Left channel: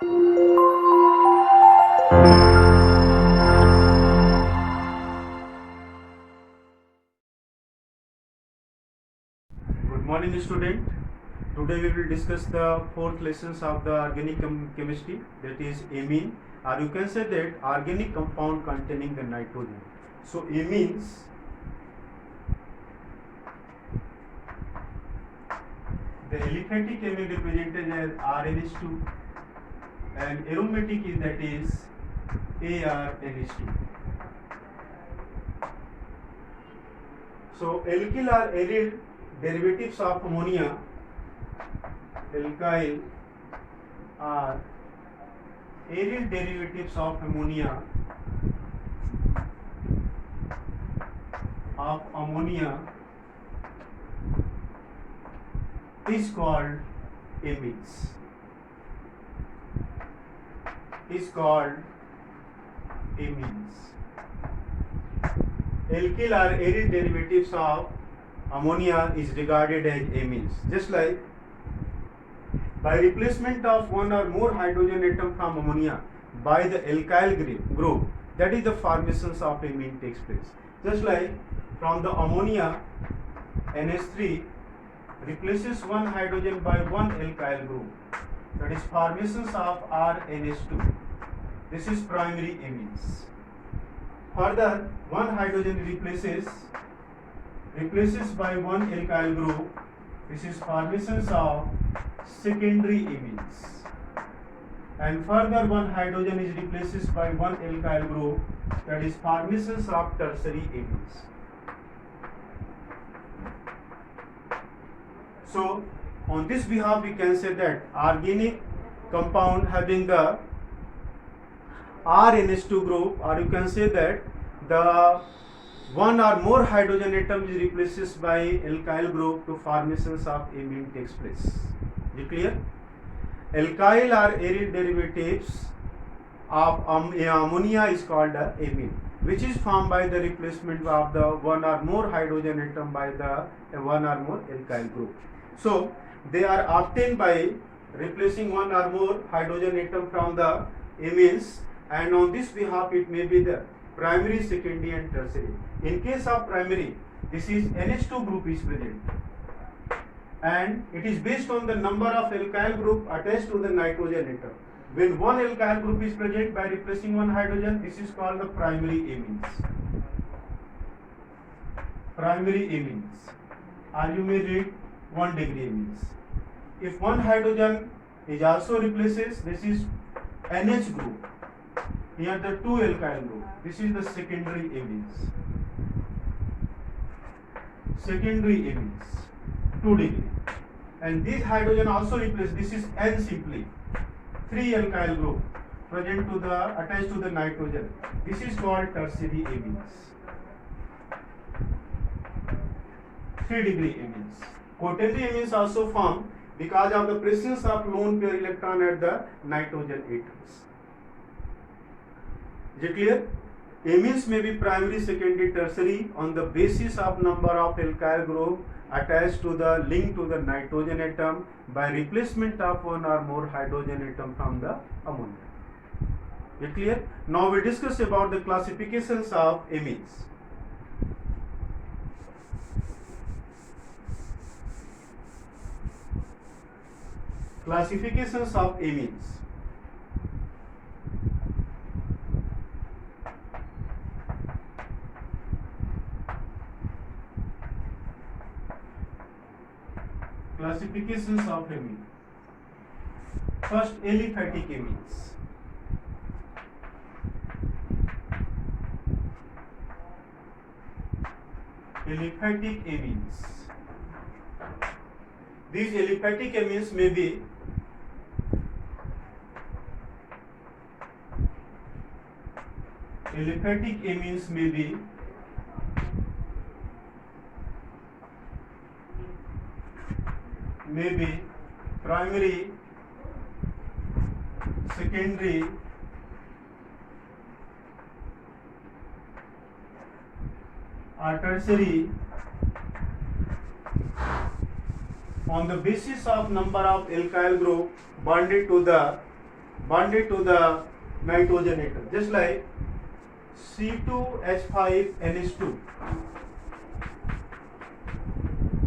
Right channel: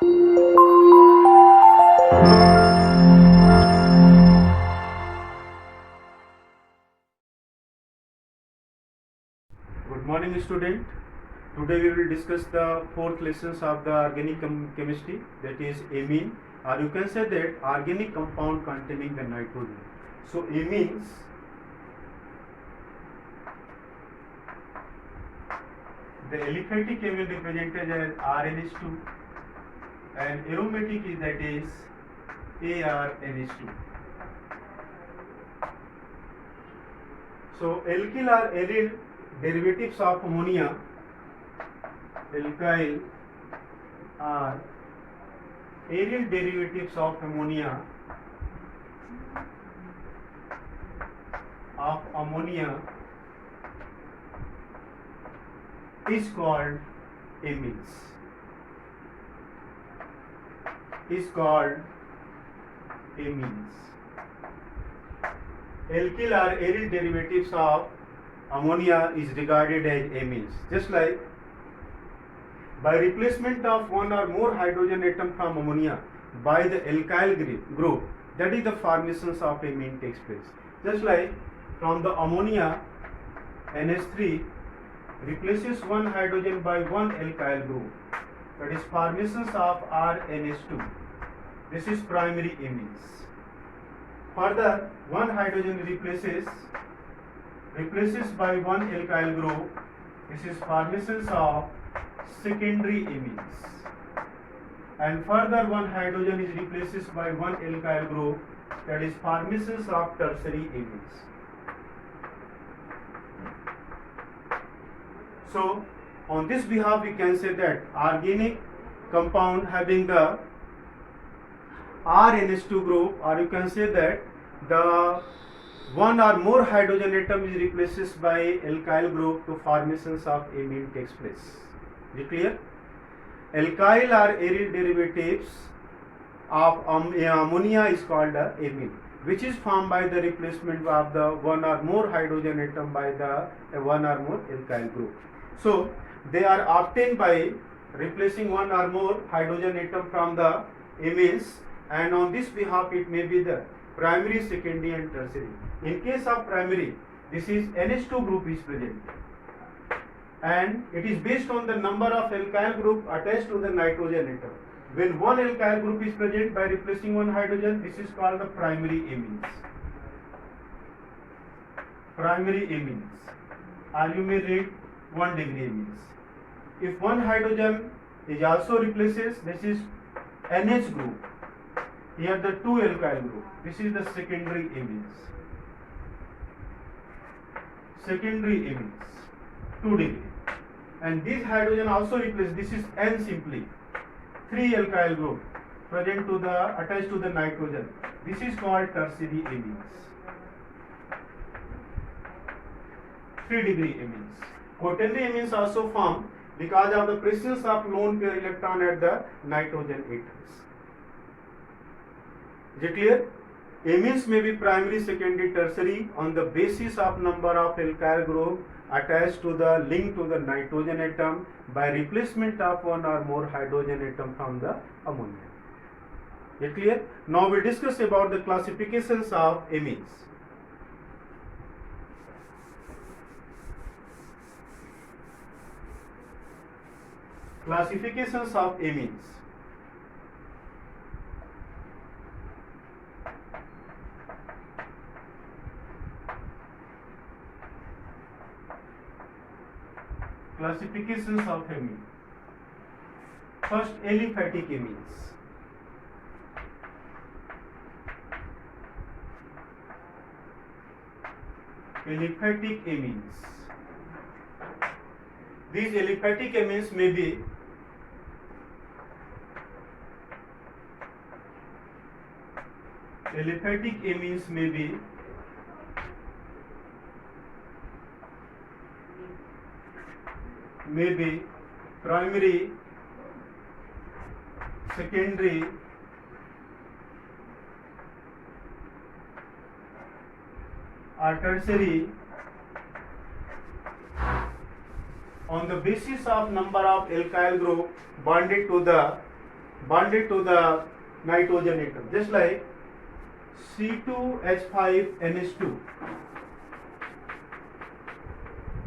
Good morning, student. Today we will discuss the fourth lessons of the organic chemistry, that is amine, or you can say that organic compound containing the nitrogen. So amines, the aliphatic amine represented as RNH2 and aromatic is that is ARNH2. So alkyl or aryl derivatives of ammonia, alkyl are aryl derivatives of ammonia is called amines. Alkyl or aryl derivatives of ammonia is regarded as amines. Just like by replacement of one or more hydrogen atom from ammonia by the alkyl group, that is the formation of amine takes place. Just like from the ammonia, NH3 replaces one hydrogen by one alkyl group, that is formation of RNH2. This is primary amines. Further, one hydrogen replaces by one alkyl group. This is formation of secondary amines. And further, one hydrogen is replaced by one alkyl group, that is formation of tertiary amines. So on this behalf we can say that organic compound having the RNH2 group, or you can say that the one or more hydrogen atom is replaced by alkyl group to formations of amine takes place. Is it clear? Alkyl or aryl derivatives of ammonia is called amine, which is formed by the replacement of the one or more hydrogen atom by the one or more alkyl group. So they are obtained by replacing one or more hydrogen atom from the amines, and on this behalf it may be the primary, secondary and tertiary. In case of primary, this is NH2 group is present, and it is based on the number of alkyl group attached to the nitrogen atom. When one alkyl group is present by replacing one hydrogen, this is called the primary amines. Primary amines, or you may read 1 degree amines. If one hydrogen is also replaces, this is NH group. Here the two alkyl group. This is the secondary amines. Secondary amines, 2 degree. And this hydrogen also replaces. This is N simply. 3 alkyl group present to the attached to the nitrogen. This is called tertiary amines. 3 degree amines. Quaternary amines also formed because of the presence of lone pair electron at the nitrogen atoms. Is it clear? Amines may be primary, secondary, tertiary on the basis of number of alkyl group attached to the link to the nitrogen atom by replacement of one or more hydrogen atom from the ammonia. Is it clear? Now we discuss about the classifications of amines. Classifications of amines. Classifications of amine. First, aliphatic amines. Aliphatic amines. These aliphatic amines may be primary, secondary, or tertiary on the basis of number of alkyl group bonded to the bonded to the nitrogen atom, just like C2H5NH2,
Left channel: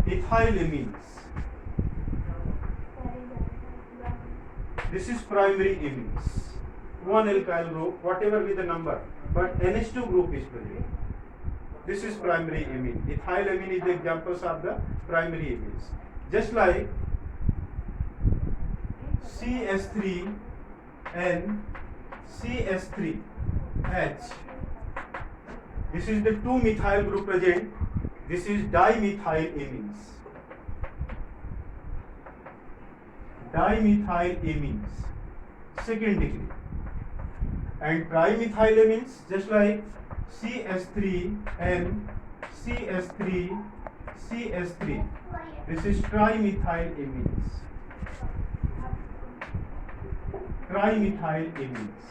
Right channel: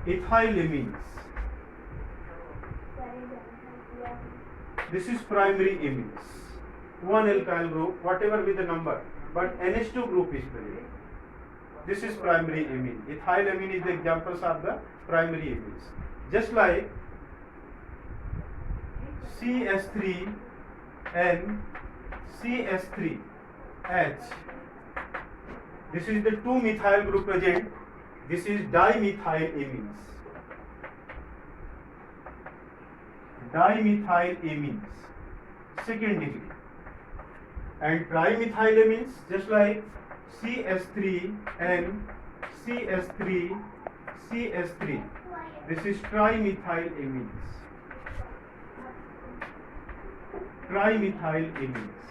ethylamines. This is primary amines. One alkyl group, whatever be the number, but NH2 group is present. This is primary amine. Ethylamine is the examples of the primary amines. Just like CS3N, CS3H. This is the 2-methyl group present. This is dimethyl amines. Dimethyl amines, second degree. And trimethylamines, just like CS3N, CS3, CS3. This is trimethyl amines. Trimethyl amines.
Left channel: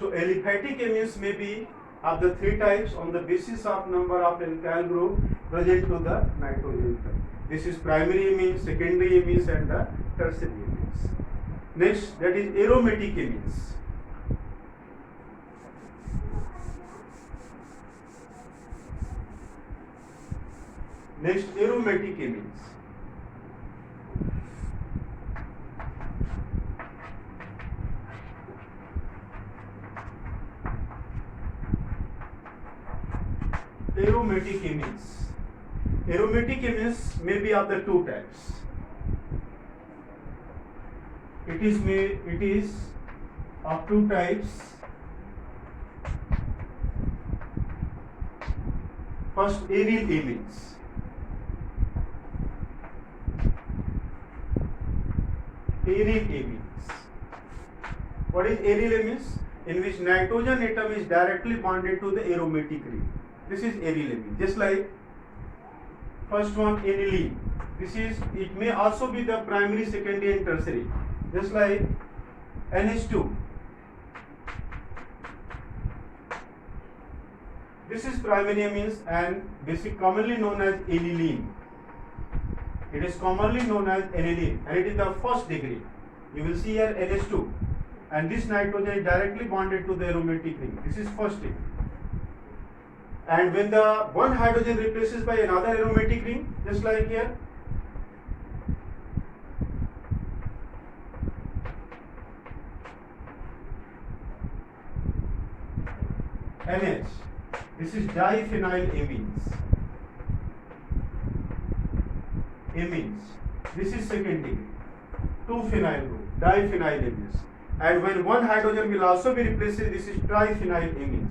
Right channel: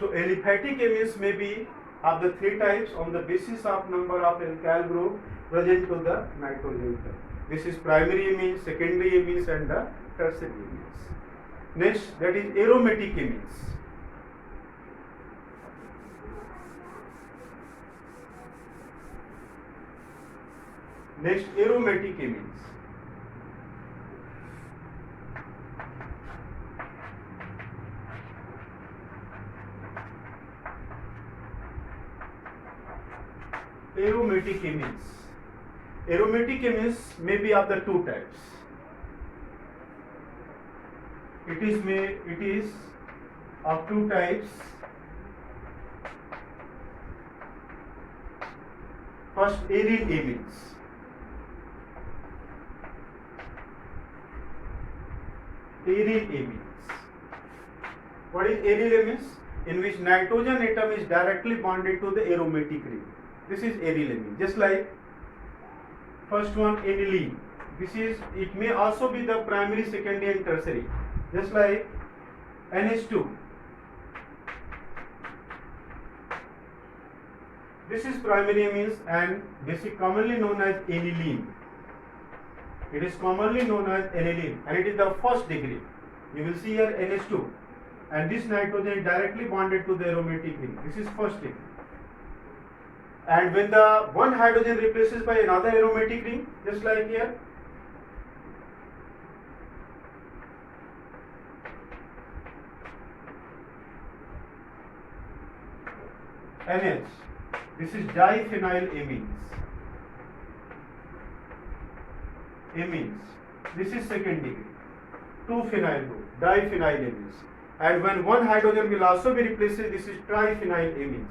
So aliphatic amines may be of the three types on the basis of number of alkyl group present to the nitrogen atom. This is primary amines, secondary amines, and the tertiary amines. Next, that is aromatic amines. Next, aromatic amines. Aromatic amines. Aromatic amines may be of the two types. It is of two types. First, aryl amines. Aryl amines. What is aryl amines? In which nitrogen atom is directly bonded to the aromatic ring. This is aryl amine. Just like first one, aniline. It may also be the primary, secondary, and tertiary. Just like NH2. This is primary amines and commonly known as aniline. It is commonly known as aniline, and it is the first degree. You will see here NH2, and this nitrogen is directly bonded to the aromatic ring. This is first degree. And when the one hydrogen replaces by another aromatic ring, just like here, NH, this is diphenyl amines. This is second degree. 2-phenyl group, diphenyl amines. And when one hydrogen will also be replaced, this is triphenyl amines.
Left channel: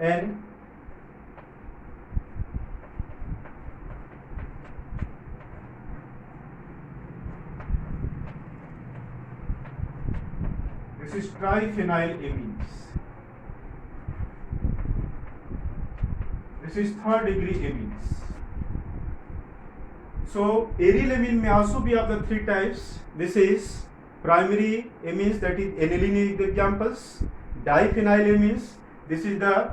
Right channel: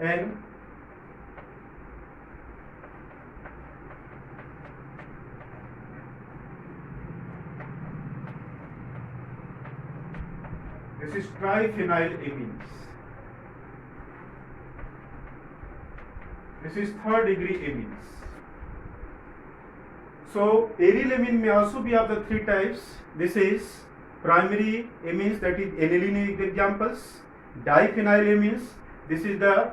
And this is triphenyl amines. This is third degree amines. So aryl amine may also be of the three types. This is primary amines, that is aniline is the examples. Diphenyl amines, this is the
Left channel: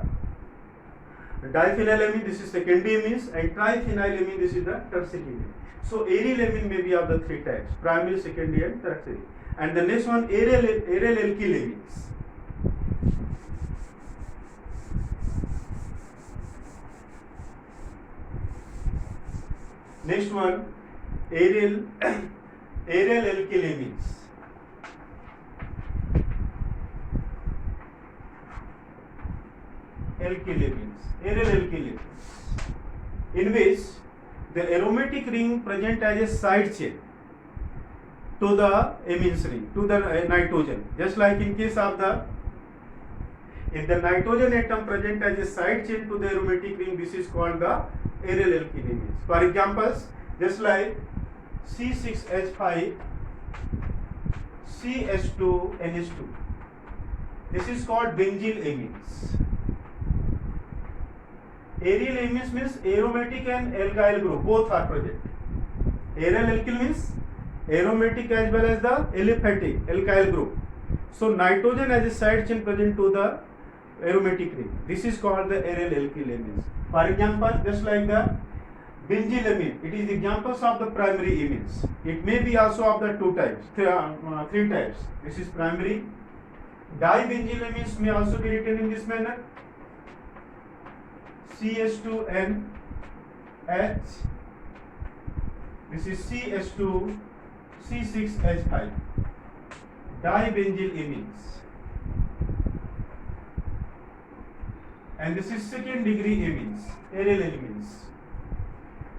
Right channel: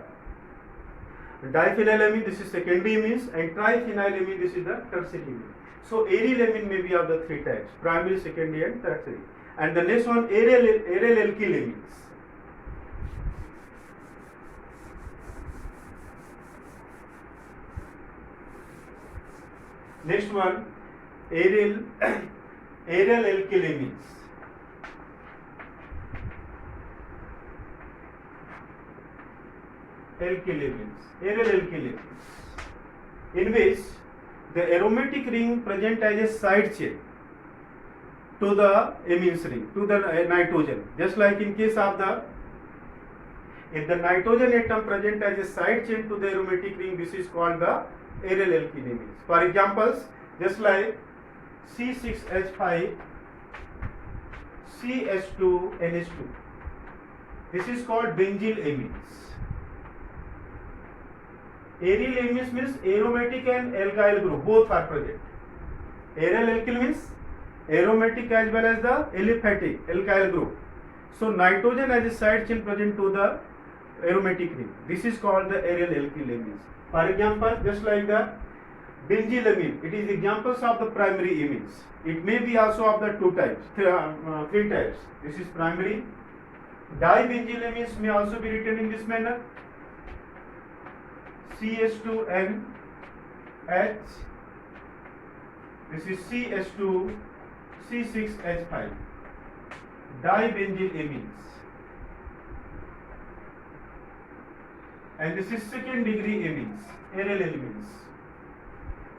diphenyl amine, this is secondary amines, and triphenyl amine, this is the tertiary amine. So aryl amine may be of the three types: primary, secondary, and tertiary. And the next one, aryl alkyl amines. Next one, aryl alkyl amines. Aryl alkyl amines, in which the aromatic ring present as a side chain to the amines ring, to the nitrogen. Just like in case of if the nitrogen atom present as a side chain to the aromatic ring, this is called the aryl alkyl amines. For examples, just like C6H5, CH2NH2. This is called benzyl amines. Aryl amines means aromatic and alkyl group, both are present. Aryl alkyl means aromatic as well as the aliphatic alkyl group. So nitrogen as a side chain present to the aromatic ring. This is called the aryl alkyl amines. For example, just like Benzylamine, it is examples of the primary amines. It may be also of the three types. This is primary. Dibenzylamines may also be written in this manner. CH2NH. This is CH2 C6H5. Dibenzylamines. And this is second degree amines, aryl amines.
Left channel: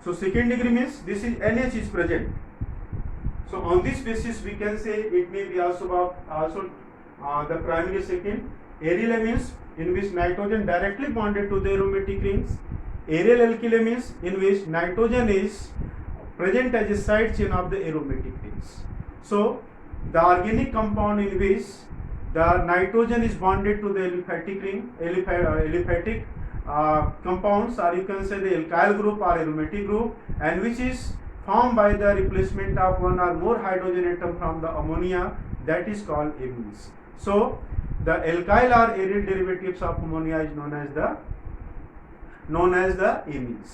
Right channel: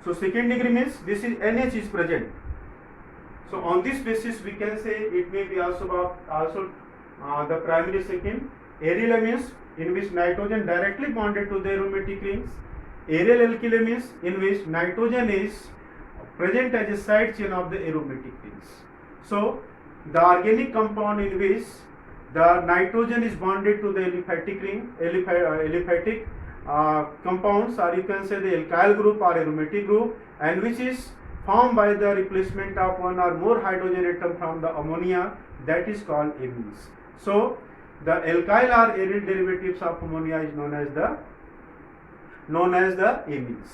So second degree means this is NH is present. So on this basis we can say it may be also the primary second. Aryl amines in which nitrogen directly bonded to the aromatic rings. Aryl alkyl amines in which nitrogen is present as a side chain of the aromatic rings. So the organic compound in which the nitrogen is bonded to the aliphatic ring, aliphatic compounds, or you can say the alkyl group or aromatic group, and which is formed by the replacement of one or more hydrogen atom from the ammonia, that is called amines. So the alkyl or aryl derivatives of ammonia is known as the amines,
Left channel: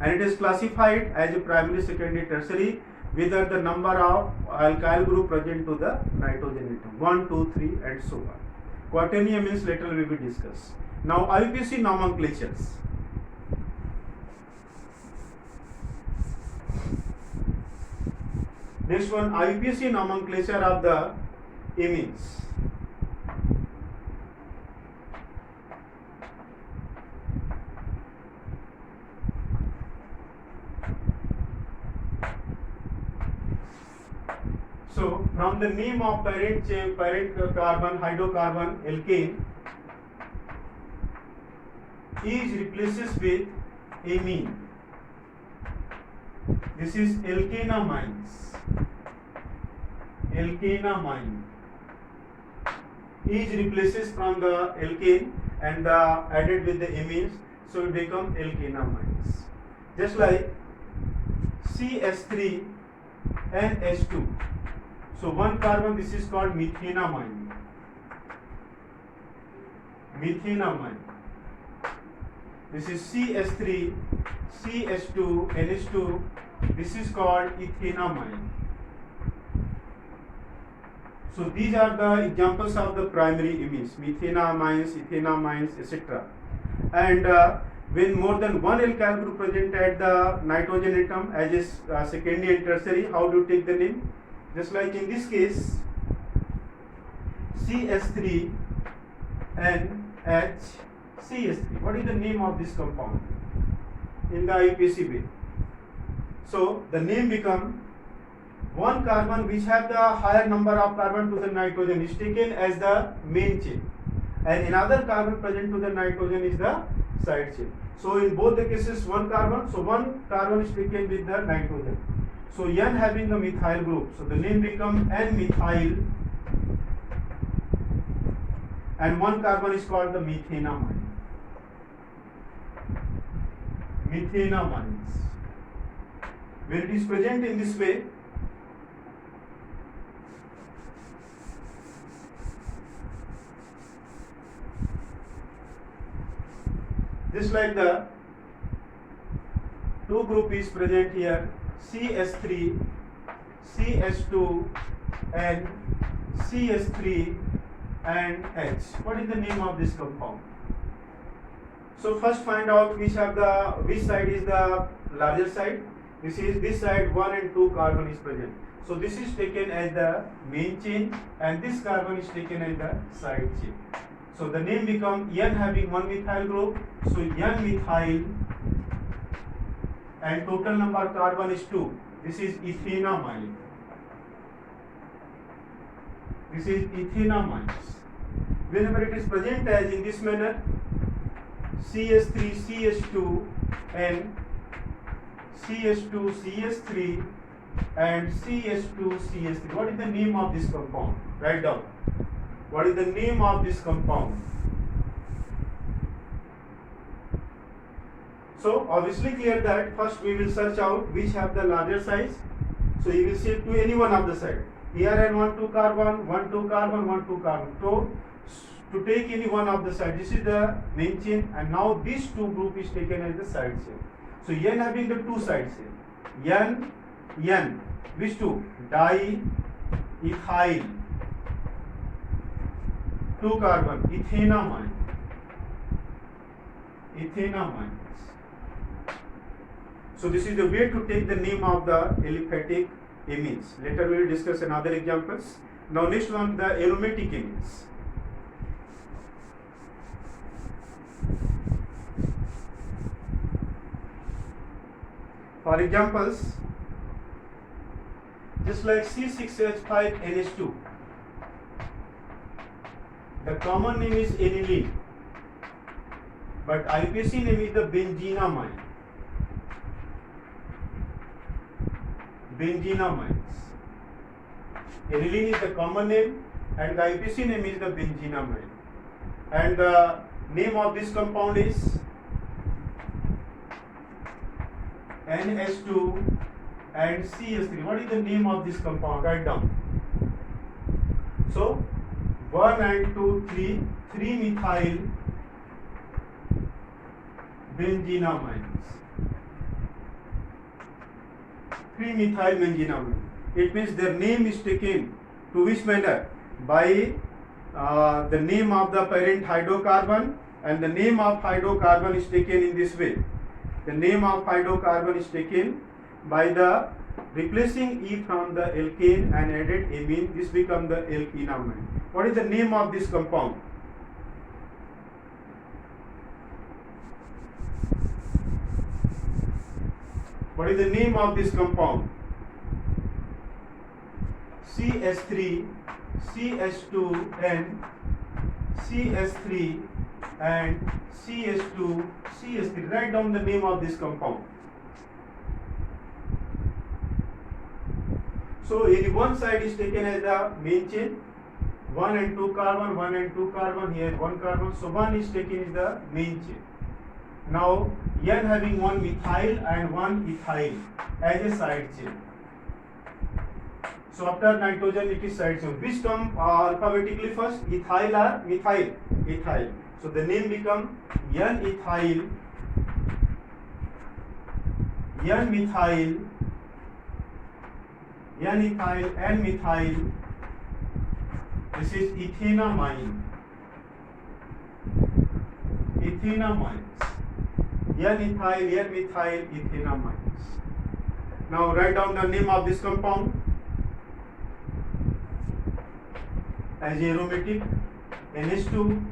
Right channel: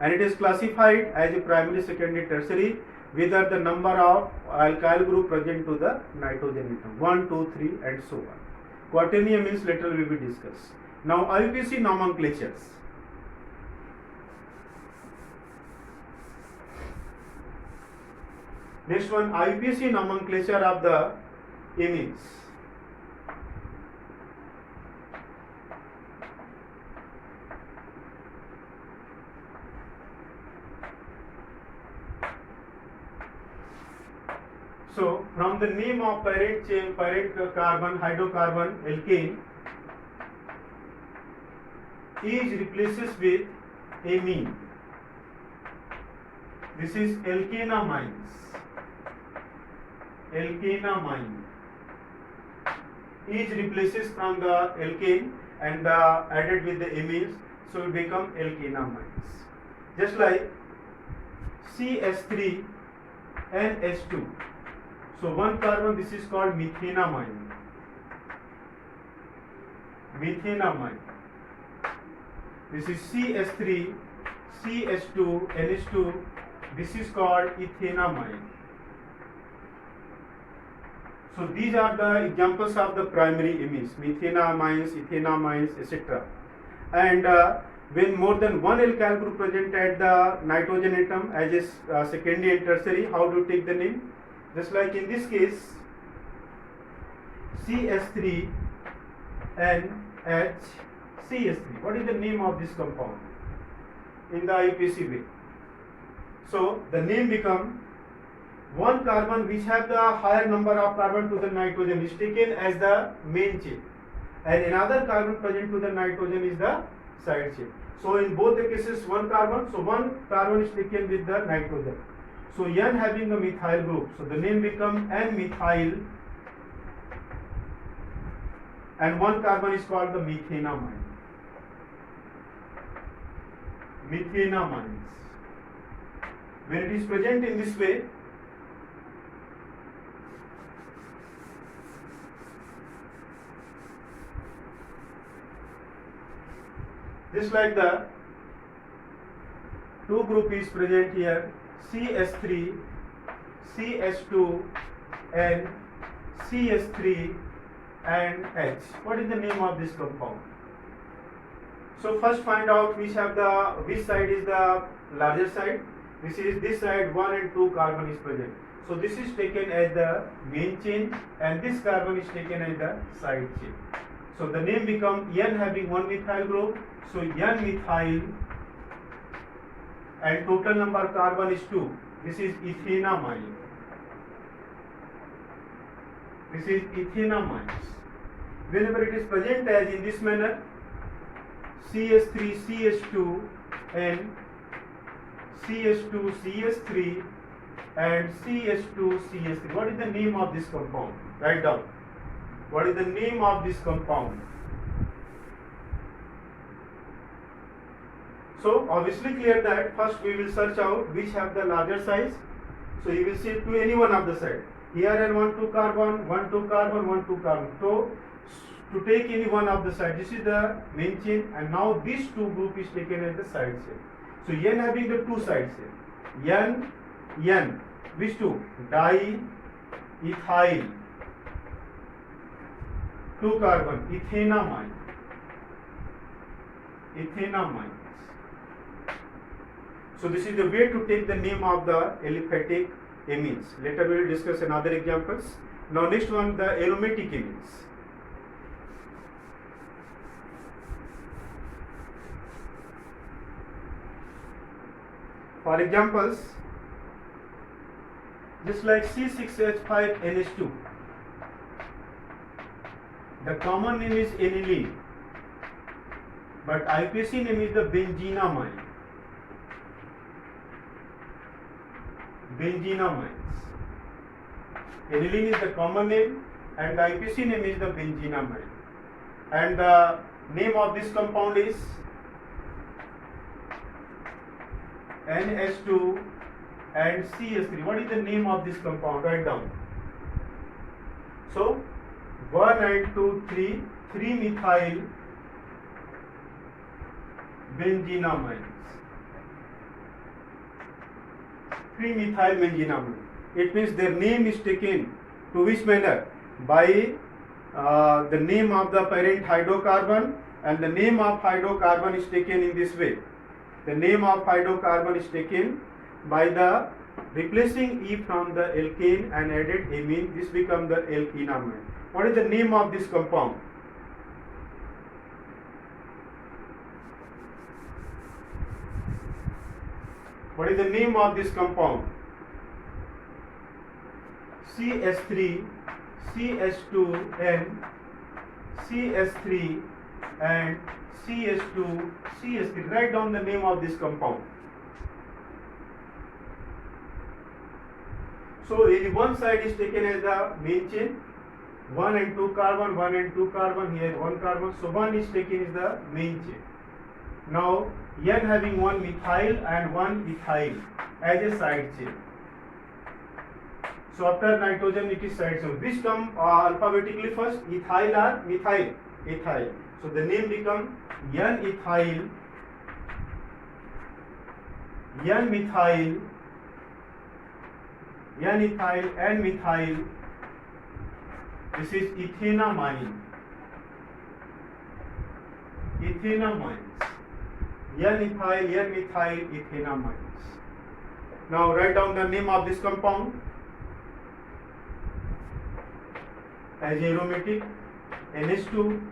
and it is classified as a primary, secondary, tertiary, whether the number of alkyl group present to the nitrogen atom 1, 2, 3 and so on. Quaternary amines later will be discussed. Now IUPAC nomenclatures. Next one, IUPAC nomenclature of the amines. So from the name of parent chain, parent carbon, hydrocarbon, alkane is replaces with amine. This is alkanamines. Alkanamine is replaces from the alkane and added with the amines, so it become alkanamines. Just like CH3 and H2. So one carbon, this is called methenamine. Methenamine. This is CH3, CH2, NH2. This is called ethenamine. So these are the examples of the primary amines, methenamines, ethenamines, etc. And when more than one alkyl group present at the nitrogen atom as a secondary and tertiary, how do you take the name? Just like in this case, CH3 NH CH3. What is the name of this compound in the IUPAC way? So the name become one carbon which have the higher number of carbon to the nitrogen is taken as the main chain, and another carbon present to the nitrogen is the side chain. So in both the cases one carbon, so one carbon is taken with the nitrogen. So N having a methyl group, so the name become N-methyl, and one carbon is called the methenamine. Methenamines. When it is present in this way, just like the two group is present here, CH3, CH2 and CH3 and H. What is the name of this compound? So first find out which side is the larger side. This side 1 and 2 carbon is present. So this is taken as the main chain and this carbon is taken as the side chain. So the name become N having one methyl group. So N-methyl, and total number of carbon is 2. This is ethenamine. This is ethenamines. Whenever it is present as in this manner, CH3, CH2 and CH2, CH3 and CH2, CH3. What is the name of this compound? Write down. What is the name of this compound? So obviously clear that first we will search out which have the larger size. So you will shift to any one of the side. Here and 1, 2 carbon, 1, 2 carbon, 1, 2 carbon. So to take any one of the side, this is the main chain, and now this two group is taken as the side chain. So N having the two sides here. N, which two? Diethyl, 2 carbon, ethanamine. So this is the way to take the name of the aliphatic amines. Later we will discuss another examples. Now next one, the aromatic amines. For examples, just like C6H5NH2, the common name is aniline, but IUPAC name is the benzenamine. Aniline is the common name and the IUPAC name is the benzenamine. And the name of this compound is NH2 and CH3. What is the name of this compound? Write down. So 1 and 2, 3-methyl benzenamine. 3-methyl benzenamine. It means their name is taken to which manner? By the name of the parent hydrocarbon, and the name of hydrocarbon is taken in this way. The name of hydrocarbon is taken by the replacing E from the alkane and added amine. This becomes the alkenamine. What is the name of this compound? What is the name of this compound? CH3, CH2N, CH3 and CH2, CH3. Write down the name of this compound. So one side is taken as the main chain, 1 and 2 carbon, 1 and 2 carbon, here 1 carbon. So 1 is taken as the main chain. Now N having 1 methyl and 1 ethyl as a side chain. So after nitrogen it is side chain. Which come alphabetically first? Ethyl or methyl? Ethyl. So the name become N-ethyl, N-methyl, N-methyl. This is ethanamine. Ethanamines. N-ethyl, N-methyl, ethanamines. Now write down the name of this compound as aromatic. NH2.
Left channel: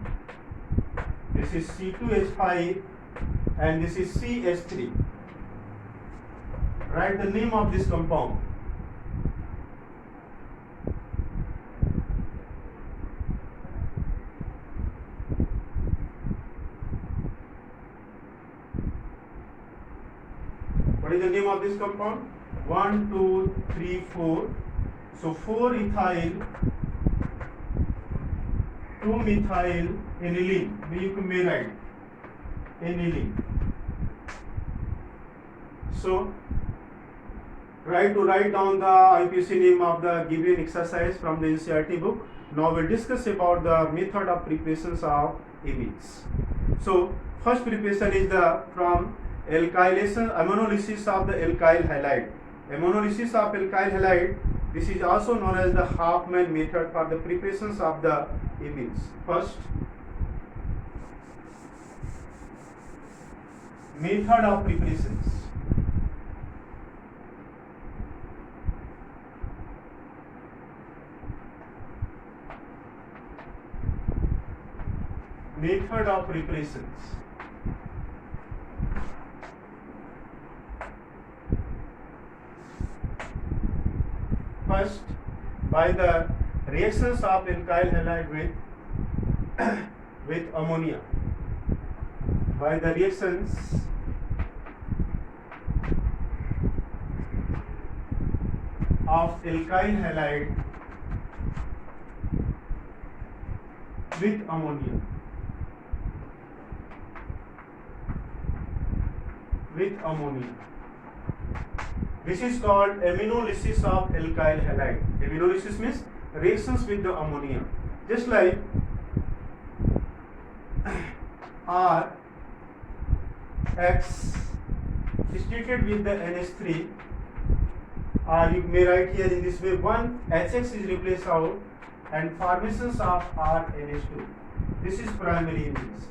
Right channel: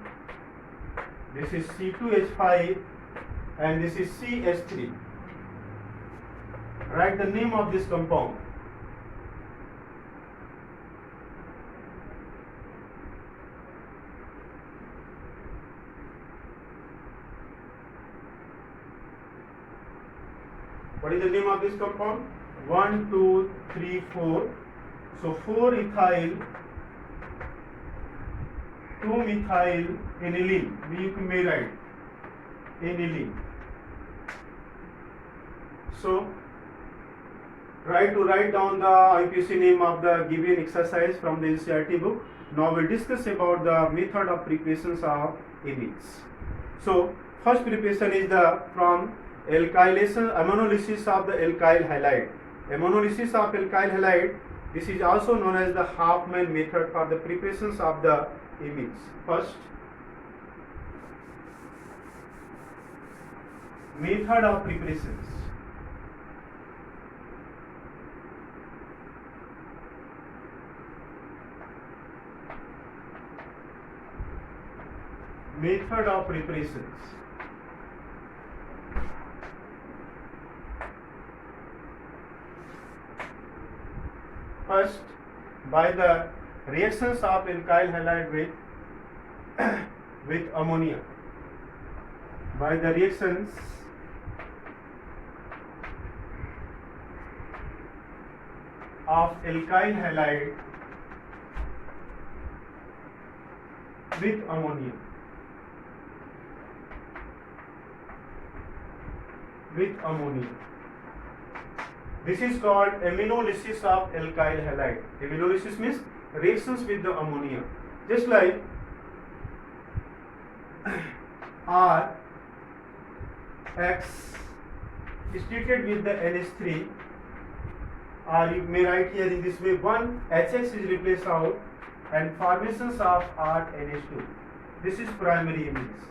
This is C2H5 and this is CH3. Write the name of this compound. What is the name of this compound? 1, 2, 3, 4. So 4-ethyl, 2-methyl aniline. You may write aniline. So try to write down the IUPAC name of the given exercise from the NCERT book. Now we'll discuss about the method of preparations of amines. So first preparation is the from alkylation, ammonolysis of the alkyl halide. Ammonolysis of alkyl halide, this is also known as the Hofmann method for the preparations of the amines. First, method of preparations. Method of preparations. First, by the reactions of alkyl halide with ammonia. By the reactions of alkyl halide with ammonia. This is called ammonolysis of alkyl halide. Ammonolysis means reactions with the ammonia. Just like R X is treated with the NH3, or you may write here in this way, one HX is replaced out and formations of RNH2. This is primary image.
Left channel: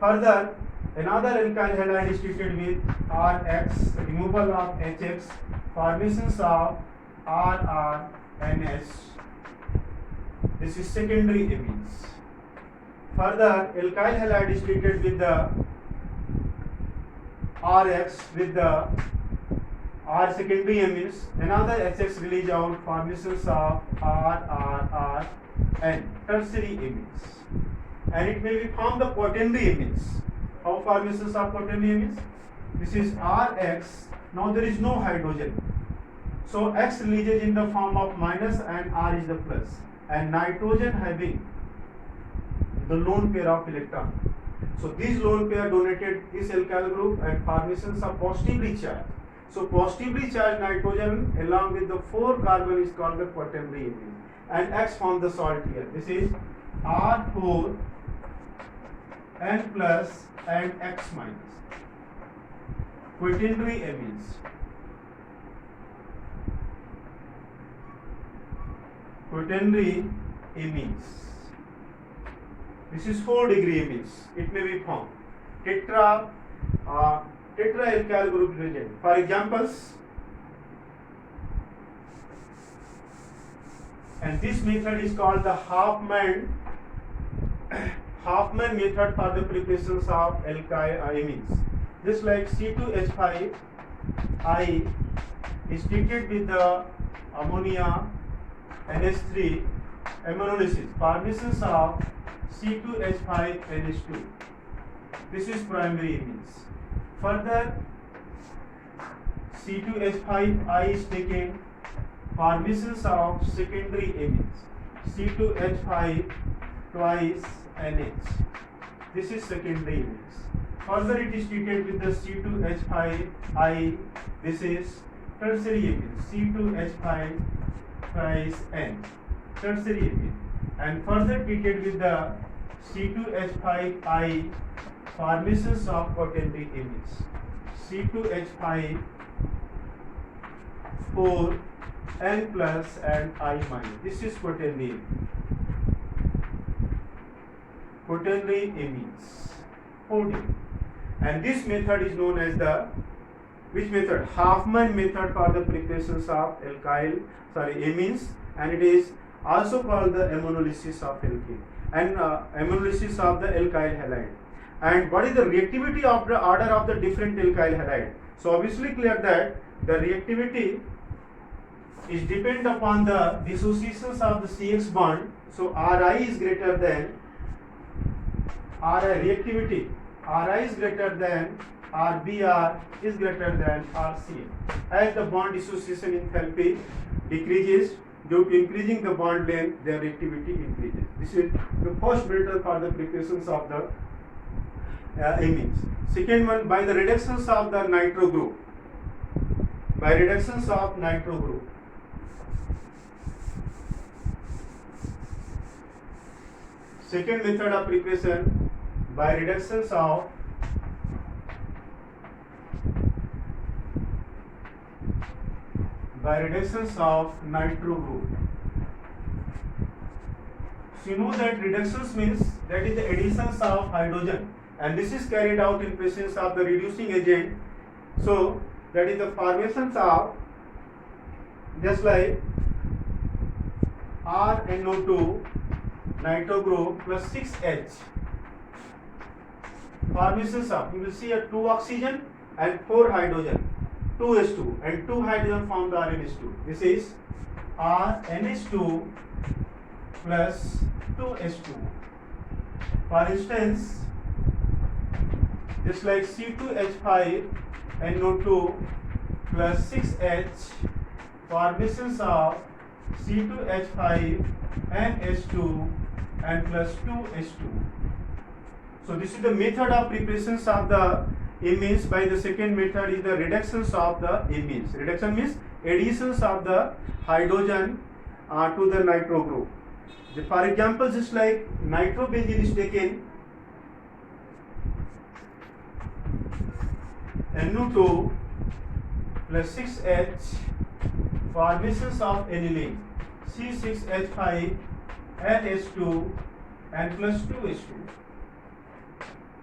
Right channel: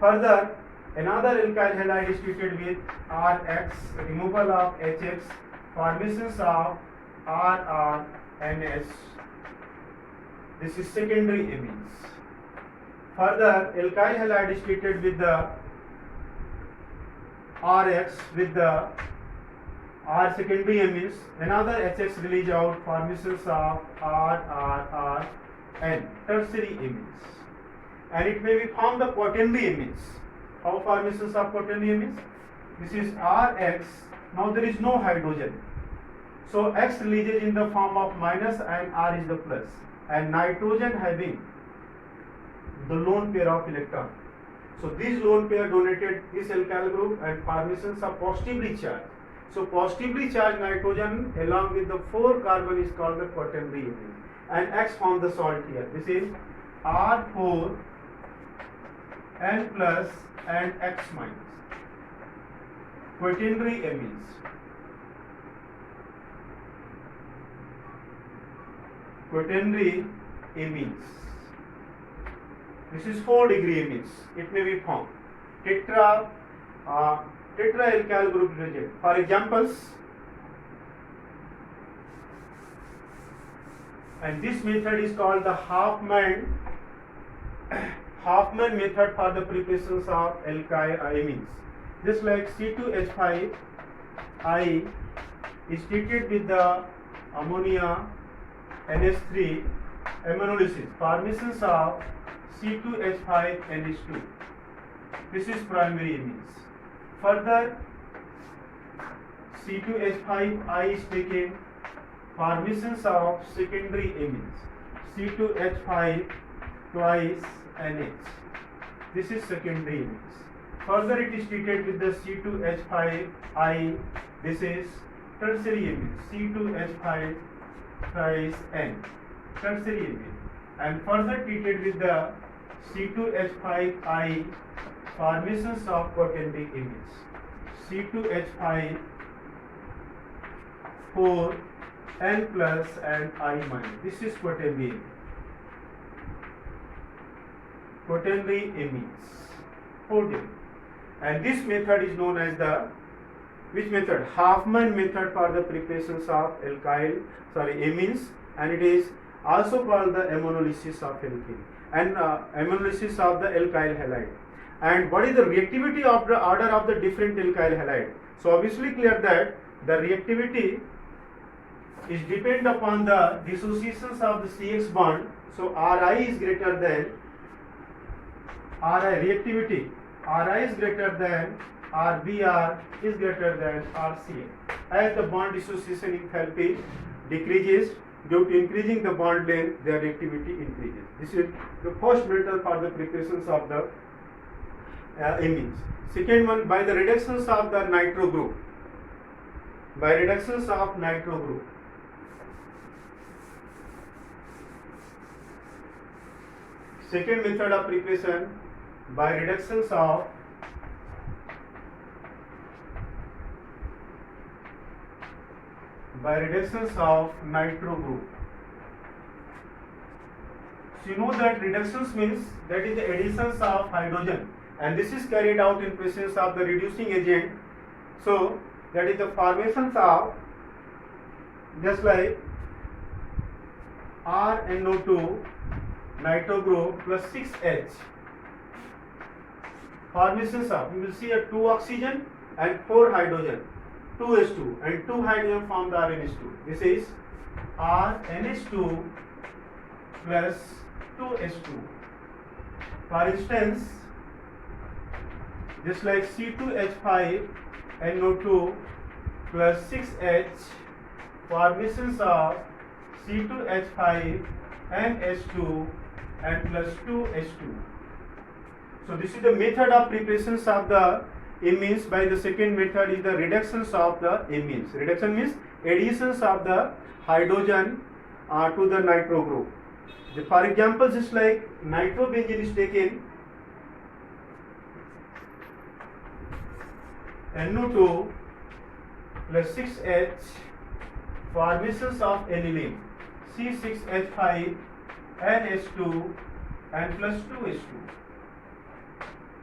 Further, another alkyl halide is treated with RX, removal of HX, formations of RRNH. This is secondary image. Further, alkyl halide is treated with the RX with the R secondary amines. Another HX release out, formations of RRR and tertiary amines. And it may be formed the quaternary amines. How formations of quaternary amines? This is RX. Now there is no hydrogen. So X releases in the form of minus and R is the plus. And nitrogen having the lone pair of electron. So this lone pair donated this alkyl group and formations are positively charged. So positively charged nitrogen along with the 4 carbon is called the quaternary amine. And X forms the salt here. This is R4 N plus and X minus. Quaternary amines. Quaternary amines. This is 4-degree amines. It may be formed. Tetraalkyl group reagent. For examples, and this method is called the Hoffman method for the preparations of alkyl amines. Just like C2H5I is treated with the ammonia NH3 ammonolysis, formations of C2H5NH2. This is primary amines. Further, C2H5I is taken, formations of secondary amines, C2H5 twice NH. This is secondary amines. Further, it is treated with the C2H5I. This is tertiary amine, C2H5 twice N, tertiary amine. And further treated with the C2H5I, formations of quaternary amines, C2H5 4 N plus and I minus. This is quaternary amine. Quaternary amines. 4D. And this method is known as the which method? Hoffman method for the preparations of amines, and it is also called the ammonolysis of alkene and ammonolysis of the alkyl halide. And what is the reactivity of the order of the different alkyl halide? So obviously clear that the reactivity is depend upon the dissociations of the CX bond. So Ri is greater than Ri reactivity. Ri is greater than RBr is greater than RCA. As the bond dissociation enthalpy decreases due to increasing the bond length, their reactivity increases. This is the first method for the preparations of the amines. Second one, by the reductions of the nitro group. By reductions of nitro group. Second method of preparation by reductions of nitro group. So you know that reductions means that is the additions of hydrogen, and this is carried out in presence of the reducing agent. So that is the formations of just like RNO2 nitro group plus 6H. Formations of, you will see a 2 oxygen and 4 hydrogen, 2H2 and 2 hydrogen form the RNH2. This is RNH2 plus 2H2. For instance, just like C2H5NO2 plus 6H, formations of C2H5NH2 and plus 2H2. So this is the method of preparations of the amines. By the second method is the reductions of the amines. Reduction means additions of the hydrogen to the nitro group. For example, just like nitrobenzene is taken, NO2 plus 6H formations of aniline C6H5 NH2 and plus 2H2.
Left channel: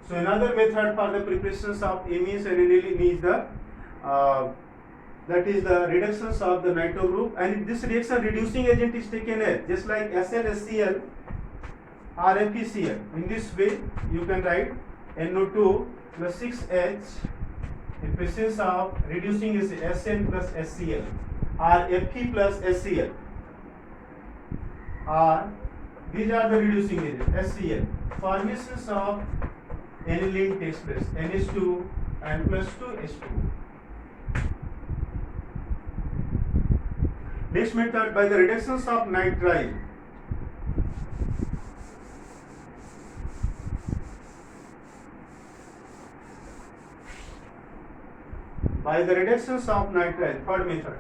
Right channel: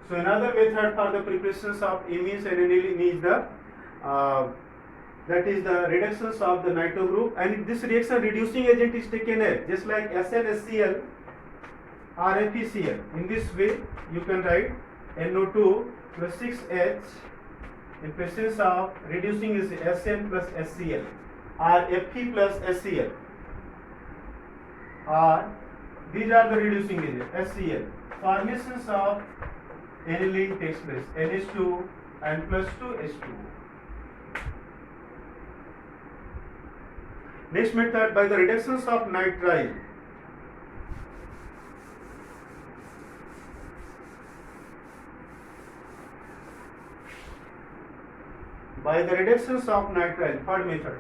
So another method for the preparations of amines and aniline is the reductions of the nitro group, and this reaction reducing agent is taken as just like SnHCl or FeCl. In this way you can write NO2 plus 6H in presence of reducing is Sn plus HCl or Fe plus HCl, or these are the reducing agent HCl. Formations of aniline takes place NH2 and plus 2H2. Next method, by the reductions of nitrile. By the reductions of nitrile, third method.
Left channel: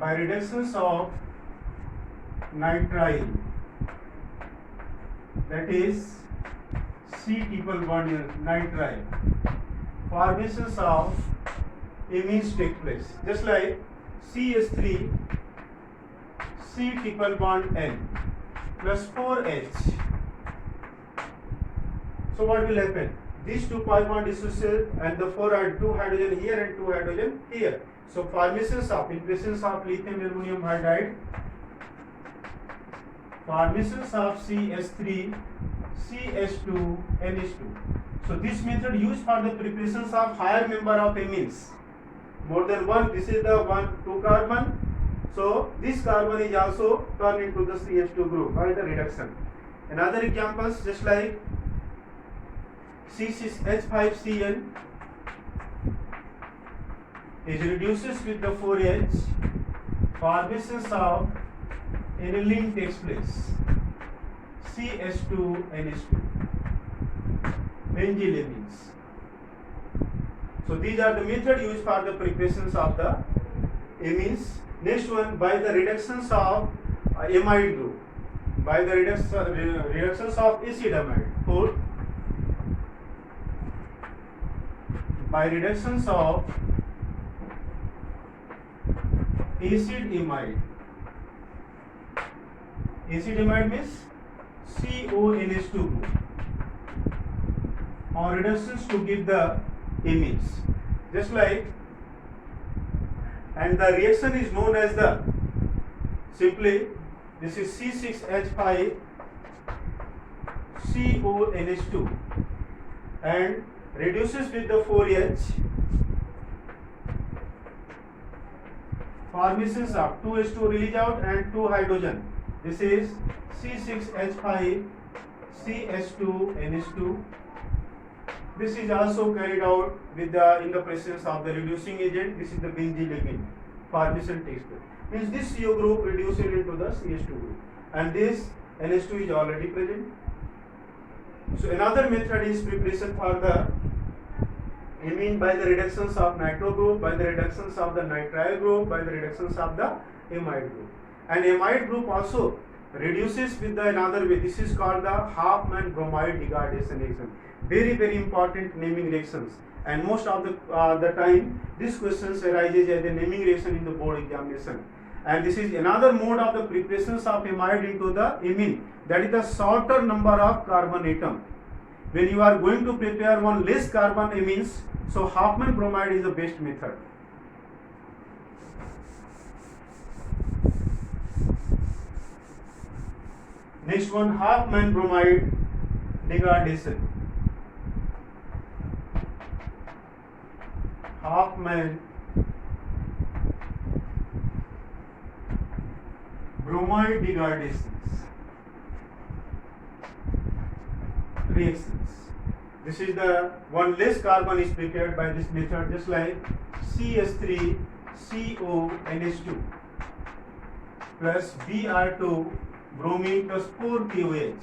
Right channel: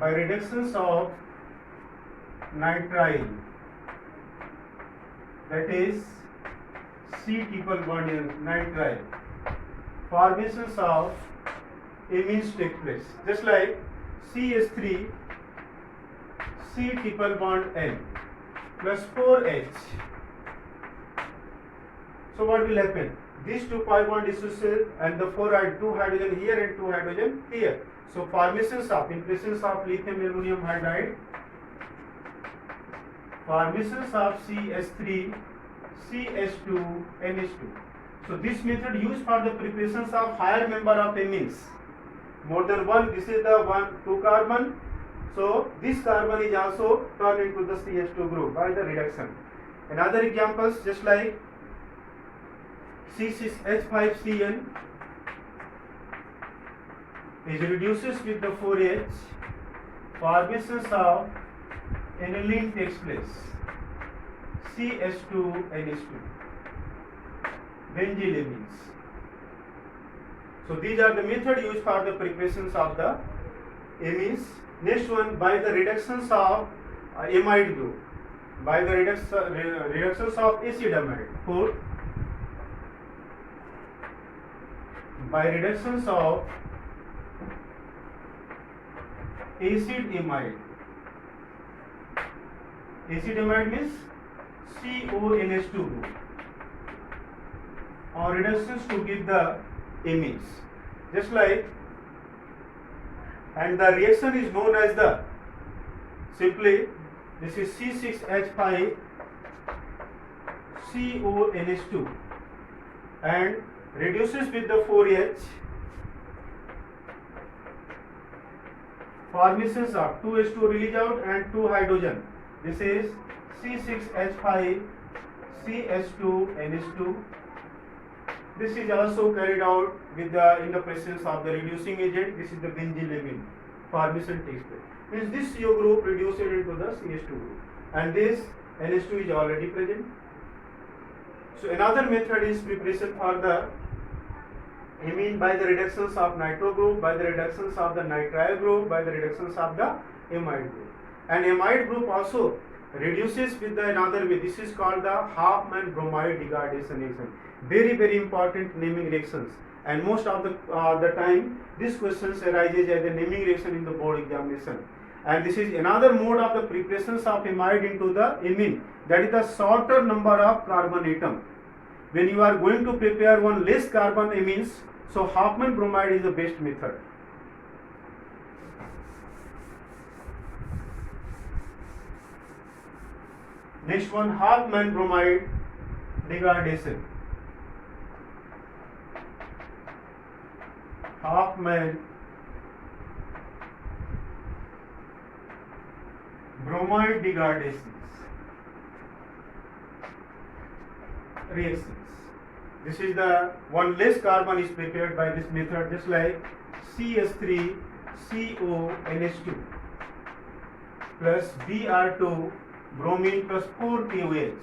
By reductions of nitrile, that is C triple bond nitrile, formations of amines take place, just like CH3 C triple bond N plus 4H. So what will happen? These two pi bond dissociate and the two hydrogen here and two hydrogen here. So formations of, in presence of lithium aluminum hydride, formations of CH3 CH2 NH2. So this method used for the preparations of higher member of amines, more than one. This is the 2 carbon. So this carbon is also turned into the CH2 group by the reduction. Another examples, just like C6H5Cl is reduces with the 4H, formations of aniline takes place CH2 NH2, benzylamines. So these are the method used for the preparations of the amines. Next one, by the reductions of amide group, by the reductions of acid amide. Fourth, by reductions of acid amide. Acid amide means CONH2 group, or reductions to give the amines, just like, and the reaction is known as the, simply this is C6H5 CONH2 and reduces with the 4H, formations of 2H2 release out and 2 hydrogen. This is C6H5 CH2 NH2. This is also carried out with in the presence of the reducing agent. This is the benzylamine. Formation takes place. Means this CO group reduces into the CH2 group, and this NH2 is already present. So another method is preparation for the amine by the reductions of nitro group, by the reductions of the nitrile group, by the reductions of the amide group. And amide group also reduces with the another way. This is called the Hofmann bromide degradation reaction. Very, very important naming reactions, and most of the time this questions arises as a naming reaction in the board examination. And this is another mode of the preparations of amide into the amine, that is the shorter number of carbon atom. When you are going to prepare one less carbon amines, so Hofmann bromide is the best method. Next one, Hofmann bromide degradation. Hofmann bromide degradations reactions. This is the one less carbon is prepared by this method, just like CH3 CONH2 plus Br2 bromine plus 4 KOH.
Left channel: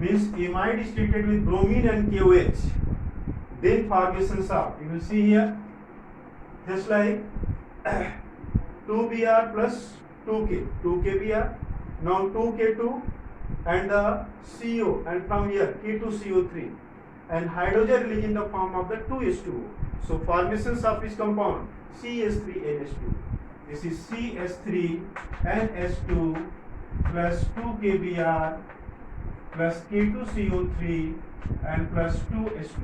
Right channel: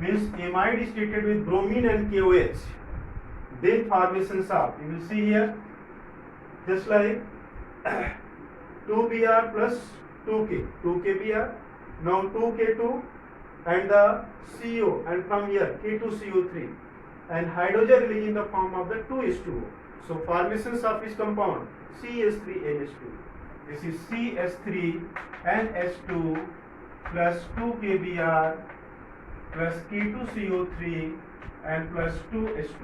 Means amide is treated with bromine and KOH. Then formations of, you will see here, just like 2Br plus 2K, 2KBr, now 2K2 and the CO, and from here K2CO3, and hydrogen released in the form of the 2H2O. So formations of this compound CH3NH2. This is CH3NH2 plus 2 KBr plus K2CO3 and plus 2H2.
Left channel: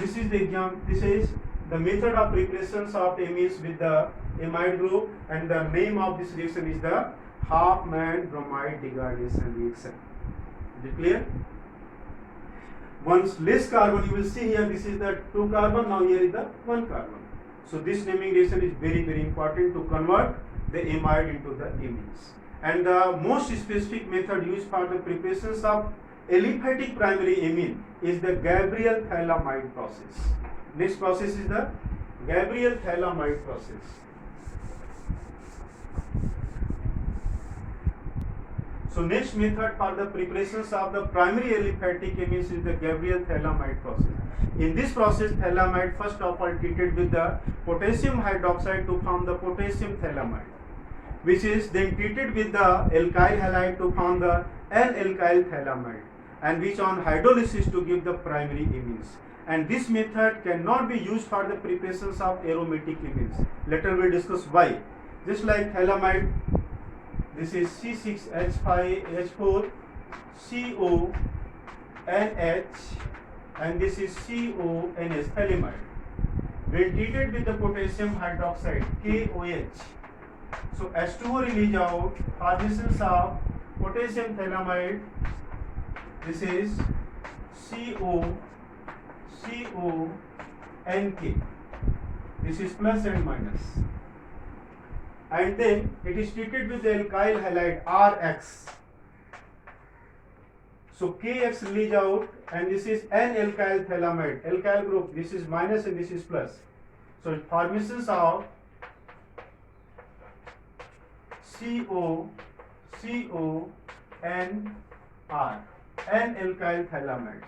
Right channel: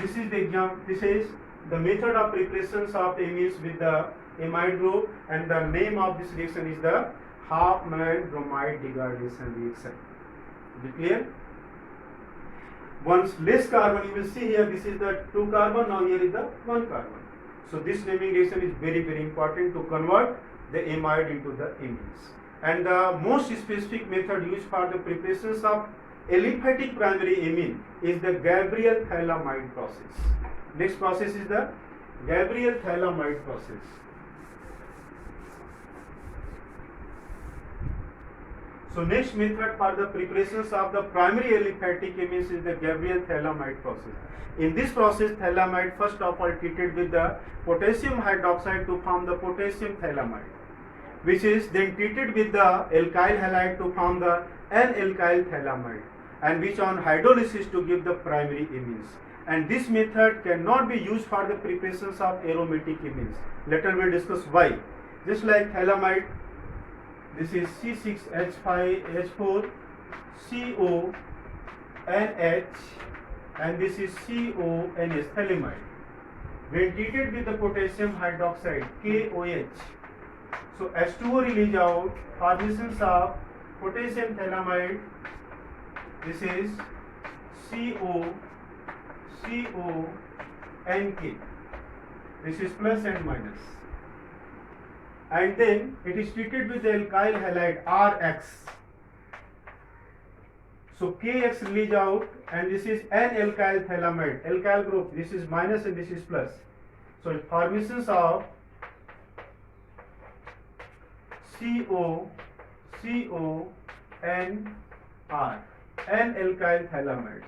This is the method of preparations of amines with the amide group, and the name of this reaction is the Hofmann bromide degradation reaction. Is it clear? Once less carbon, you will see here, this is the 2 carbon, now here is the 1 carbon. So this naming reaction is very, very important to convert the amide into the amines. And the most specific method used for the preparations of aliphatic primary amine is the Gabriel-Thalamide process. Next process is the Gabriel-Thalamide process. So next method for the preparations of the primary aliphatic amines is the Gabriel-Thalamide process. In this process, thalamide first of all treated with the potassium hydroxide to form the potassium thalamide, which is then treated with the alkyl halide to form the N-alkyl thalamide, and which on hydrolysis to give the primary amines. And this method cannot be used for the preparations of aromatic amines. Later we will discuss why. Just like thalamide, this is C6H5H4 CONH, and this is CONH, thalamide. When treated with the potassium hydroxide KOH, so H2O release out, formations of potassium thalamide. This is CONK. This is plus and minus. And then it is treated with the alkyl halide RX. So KX release out, and this is N-alkyl thalamide, alkyl group. This is minus and this is plus. So formations of CONR, N-alkyl thalamides.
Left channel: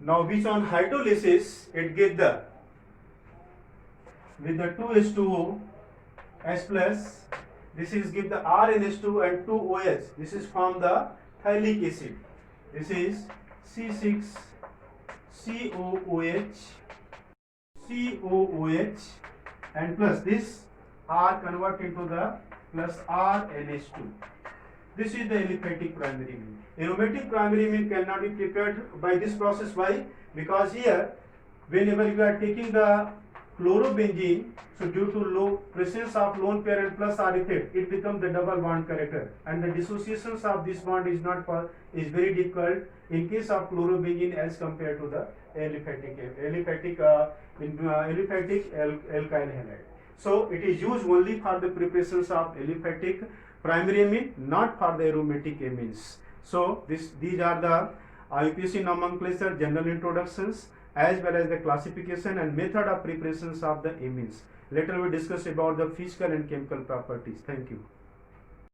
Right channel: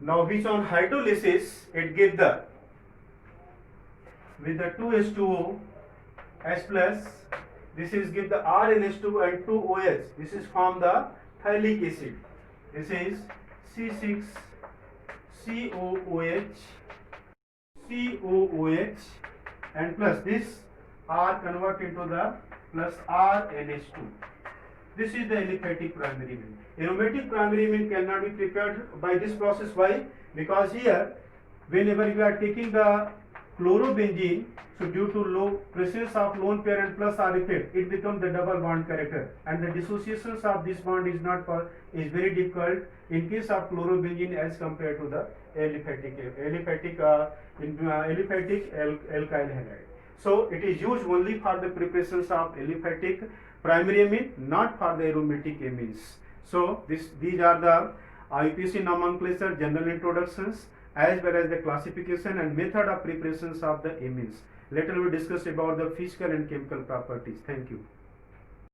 Now which on hydrolysis it gives the with the 2H2O H plus, this is give the RNH2 and 2OH. This is from the thylic acid. This is C6COOH and plus this R convert into the plus RNH2. This is the aliphatic primary amine. Aromatic primary amine cannot be prepared by this process. Why? Because here, whenever you are taking the chlorobenzene, so due to low presence of lone pair and plus R effect, it becomes the double bond character, and the dissociations of this bond is very difficult in case of chlorobenzene as compared to the aliphatic alkyl halide. So it is used only for the preparations of aliphatic primary amine, not for the aromatic amines. So these are the UPSC nomenclature, general introductions, as well as the classification and method of preparations of the amines. Later we discuss about the physical and chemical properties. Thank you.